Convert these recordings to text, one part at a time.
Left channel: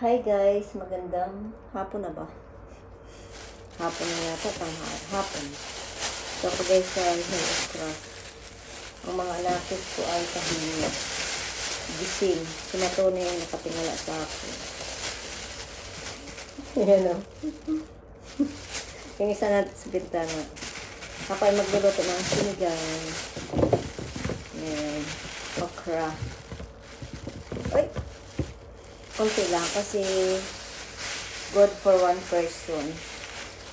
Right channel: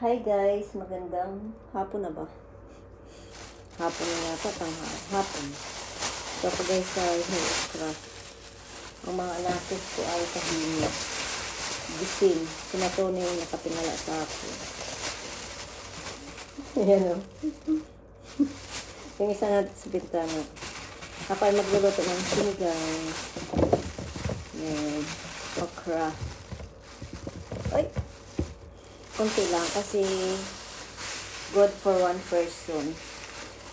Hi guys, magandang hapon na ba? Hapon na yata, hapon. So ako guys sa Hill of Craft. Ang mga alakis ko ay tahimik. Gising. Sinatunay yung nakatingala sa akin. Ayan o. Yung isa natin sa bintana. Ako ay magluluto ng sinigang. Ayan. Okra. Ay! Kunti lang kasi good for one person.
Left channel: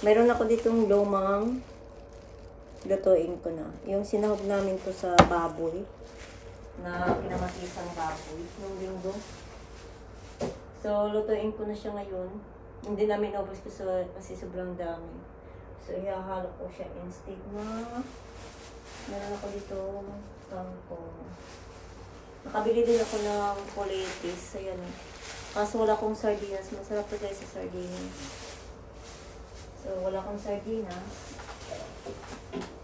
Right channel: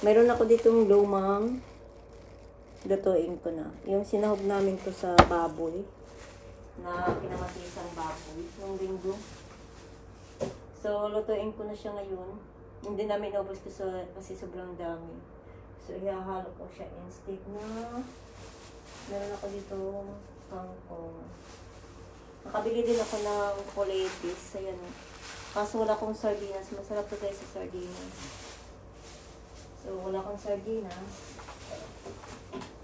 Meron ako ditong lumang lutuin ko na. Yung sinahog namin to sa baboy na pinamatisang baboy yung linggo. So, lutuin ko na siya ngayon. Hindi namin naubos kasi sobrang dami. So, ihahalo ko siya instead na meron ako dito kangkong. Nakabili din ako ng politis. Ayan. Kaso wala akong sardinas. Masarap to guys sa sardinas. So, wala akong sardinas.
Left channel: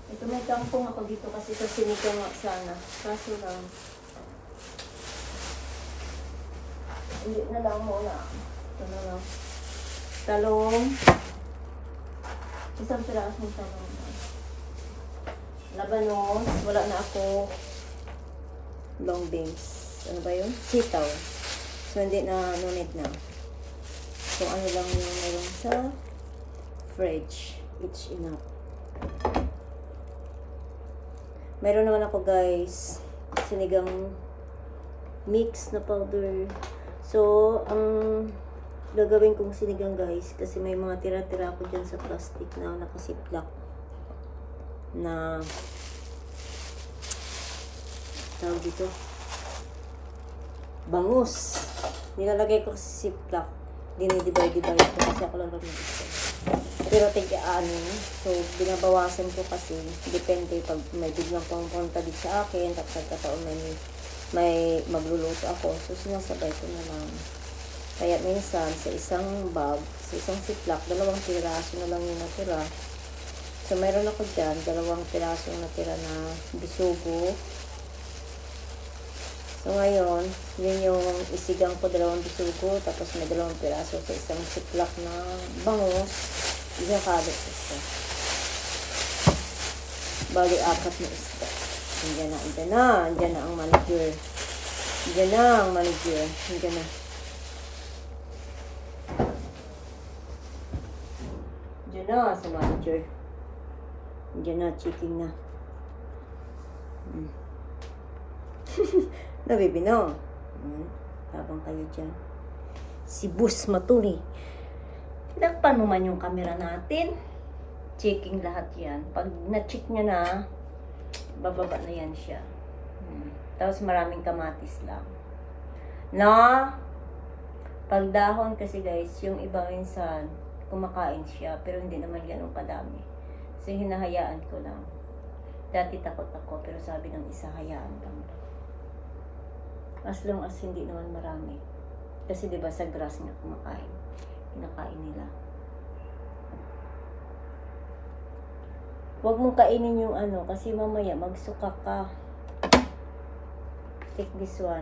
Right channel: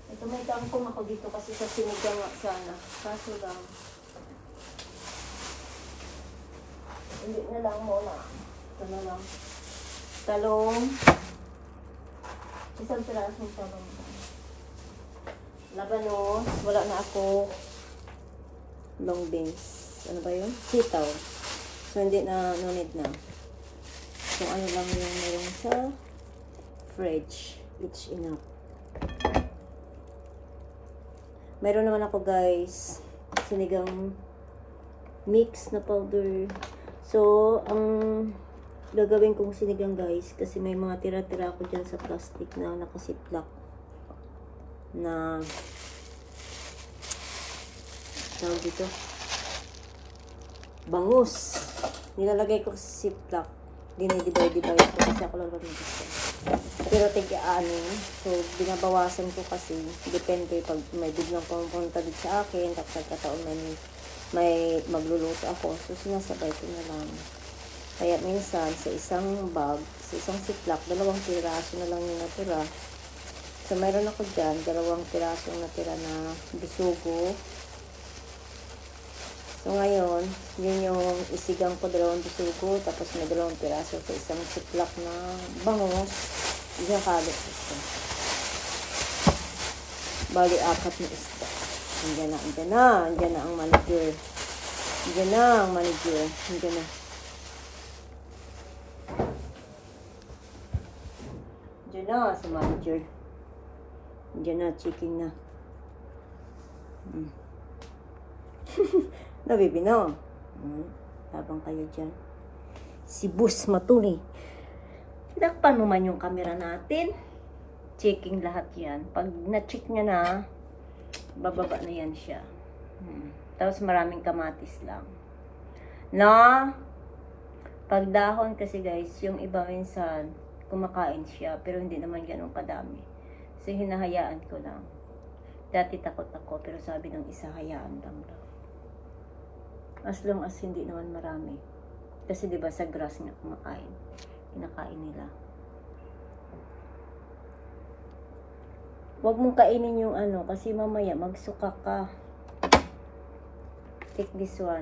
Ito may kangkong ako dito kasi sa sinigang nga sana. Kaso lang. Hindi na lang muna. Ito na lang. Talong. Isang pirasong talong. Labanos. Wala na ako. Long beans. Ano ba yun? Sitaw. So, hindi na nunid na. So, ano lang yung meron sa fridge. It's enough. Meron naman ako guys sinigang mix na powder. So, ang gagawin kong sinigang guys kasi may mga tira-tira ako dyan sa plastic na nakasiplak na tawag dito bangus. Nilalagay ko sa ziplock. Dinidivide-divide ko kasi ako lang gusto. Pero tig-aanin. So, binabawasan ko kasi depende pag may biglang pumunta dito sa akin tapos nagkataon may magluluto ako. So, sinasabay ko na lang. Kaya minsan, sa isang bag, sa isang ziplock, 2 piraso na lang yung natira. So, meron ako dyan, 2 piraso natira na bisugo. So, ngayon, yun yung isigang ko 2 bisugo, tapos may 2 piraso sa isang ziplock na bangus. Ihakalo ito. Bali, 4 na isda. Andyan na ang manager. Andyan na ang manager. Andyan na. Andyan na sa manager. Andyan na, chicken na. Nabibino. Habang kayo dyan. Si Bus Matuli. Pinakpan naman yung camera natin. Checking lahat yan. Pag na-check nyo na, bababa na yan siya. Tapos maraming kamatis lang. Na, pagdahon kasi guys, yung iba minsan, kumakain siya. Pero hindi naman ganun kadami. So, hinahayaan ko lang. Dati takot ako, pero sabi ng isa, hayaan lang daw. As long as hindi naman marami. Kasi diba sa grass na kumakain. Pinakain nila. Huwag mong kainin yung ano. Kasi mamaya magsuka ka. Take this one.